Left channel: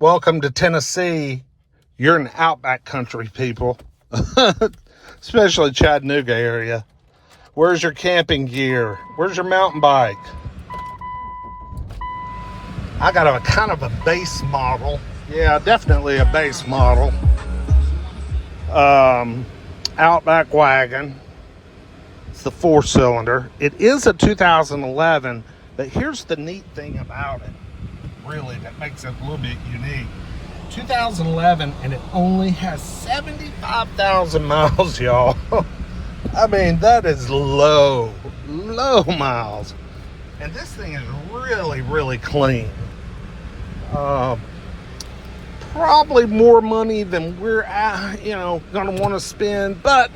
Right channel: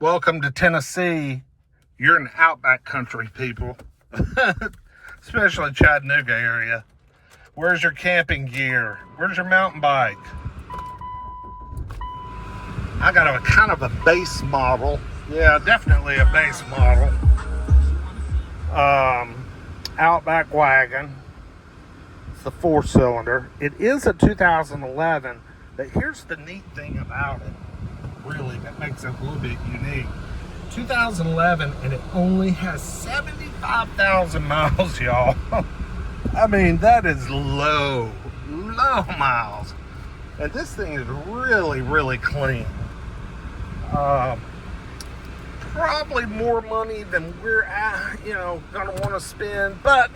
Welcome to Tennessee. You're in Outback country, people. Especially Chattanooga area. Where's your camping gear? Where's your mountain bike? I got a kind of a base model. Yeah, definitely a base model. Outback wagon. It's the 4-cylinder. It is a 2011, but here's the neat thing about it. Really, that makes it a little bit unique. 2011, and it only has 75,000 miles, y'all. I mean, that is low miles. And this thing is really, really clean. Probably more money than we're, gonna want to spend, but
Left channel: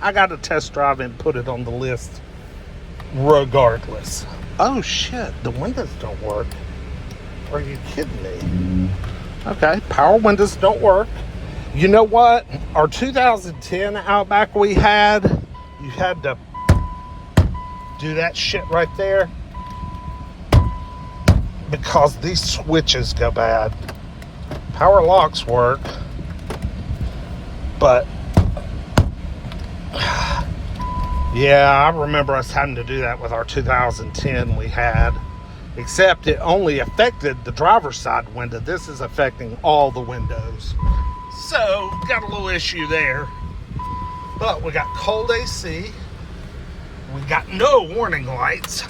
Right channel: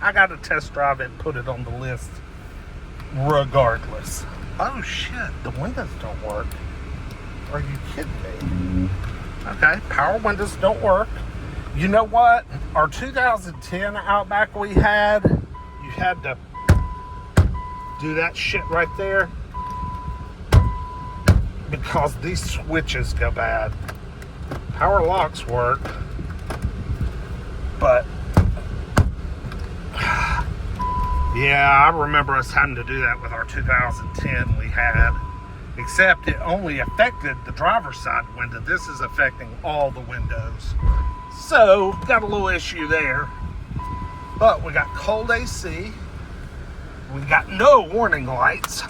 I got to test drive it and put it on the list regardless. Oh shit, the windows don't work. Are you kidding me? Okay, power windows don't work. You know what? Our 2010 Outback we had, you had to do that shit right there because these switches go bad. Power locks work, but yeah, I remember us having to do that with our 2010 we had. Except it only affected the driver's side window. This is affecting all the windows. So, got a little issue there. But we got cold AC. We got no warning lights.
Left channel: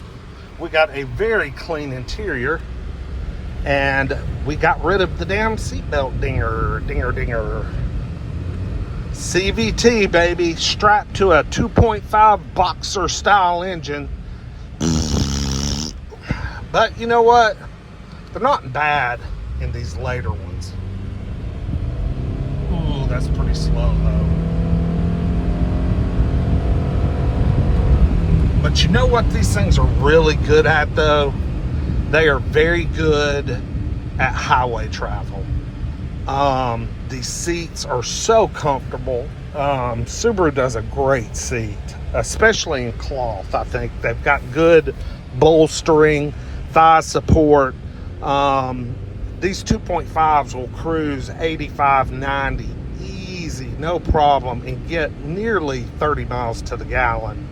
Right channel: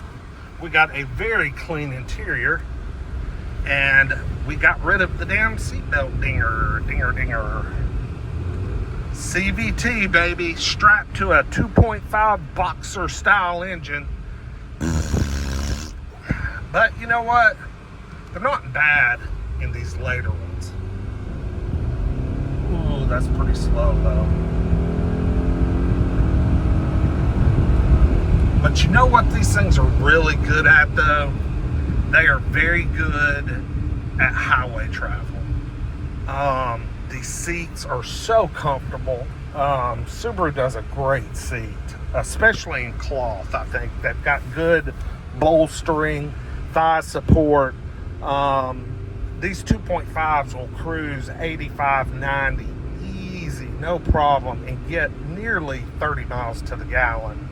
We got a very clean interior. And we got rid of the damn seatbelt dinger. CVT, baby. Strapped to a 2.5 Boxer style engine. But you know what? They're not bad in these later ones. Ooh, that's pretty slow though. But you know what these things are really good at though? They are very good at highway travel. These seats are so comfortable. Subaru does a great seat, especially in cloth. I think they've got good bolstering, thigh support. These 2.5s will cruise 85, 90 easy, no problem, and get nearly 30 miles to the gallon.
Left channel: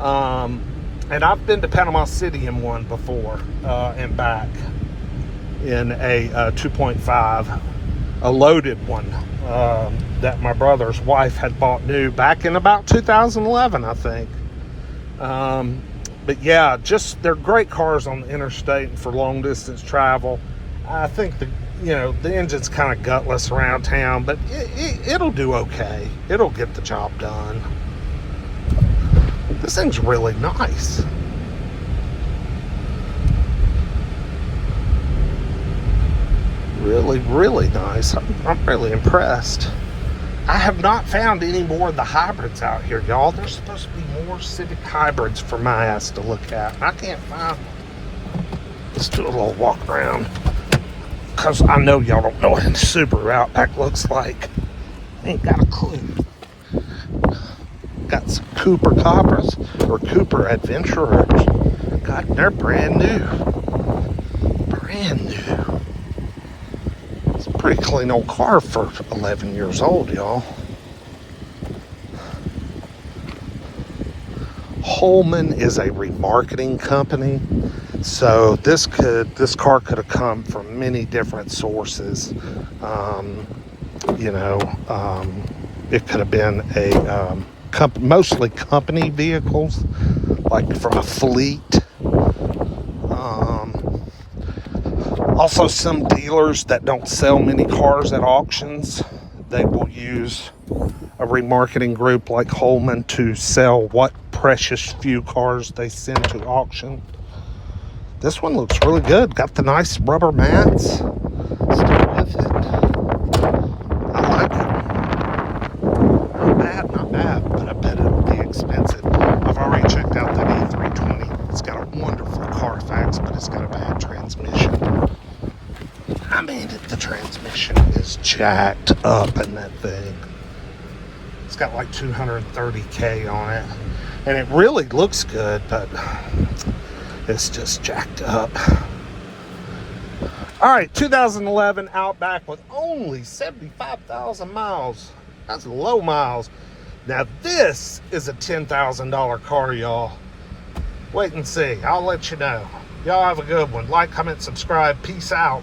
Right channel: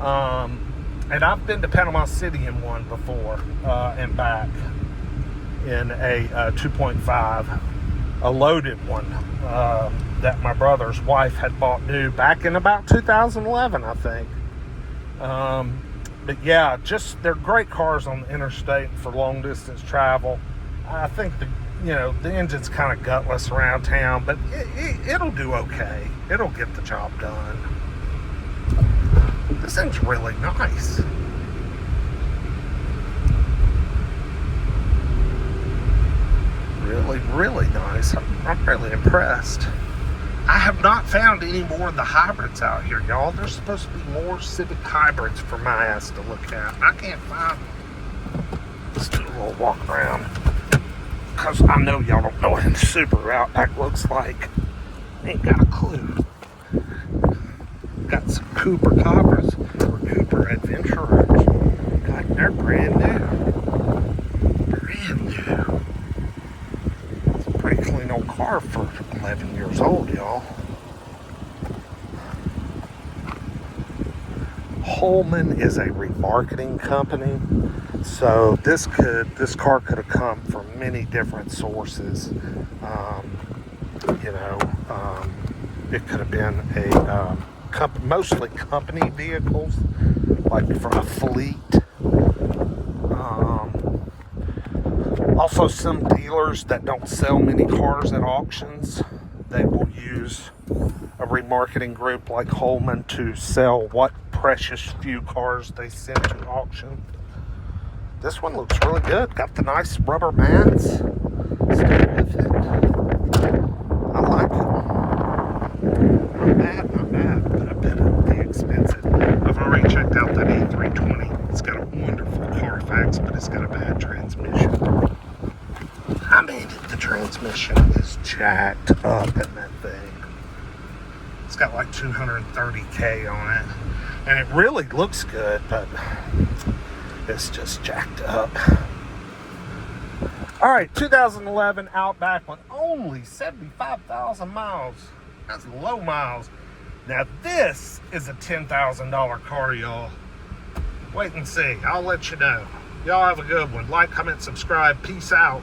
And I've been to Panama City in one before, and back in a 2.5, a loaded one that my brother's wife had bought new back in about 2011, I think. But yeah, just they're great cars on the interstate for long distance travel. I think the engine's kind of gutless around town, but it'll do okay. It'll get the job done. This thing's really nice. Really, really nice. I'm really impressed. I have not found any more of the hybrids out here, y'all. There's supposed to be more Civic hybrids for my ass to look at. I can't find them. Let's do a little walk around. Because I know y'all don't know what a Subaru Outback looks like. Ain't got a clue. Got some Cooper Cobras or Cooper Adventurers. God, they're brand new. Brand new. Pretty clean old car for 11 years old, y'all. Holman is a remarketing company, so this car could have come from many different sources. It could have been a mostly company vehicles, like from a fleet. Also, some dealers that don't sell many cars at auctions, they will use a remarketing group like Holman to sell what precious few cars they send to auction. This one looks really good. Got the nice rubber mats. Still with it. I like it. Not bad, but I bet it'll be expensive. I've already checked out that E320. It's got a wonderful Carfax, but it's got a bad transmission. I mean, the transmission is jacked up in that thing. It's got like 230K on it. And it really looks good, but it's just jacked up. All right, 2011 Outback with only 75,000 miles. That's low miles. Now this is a $10,000 car, y'all. Wait and see. I'll let you know. Y'all have a good one. Like, comment, subscribe. Peace out.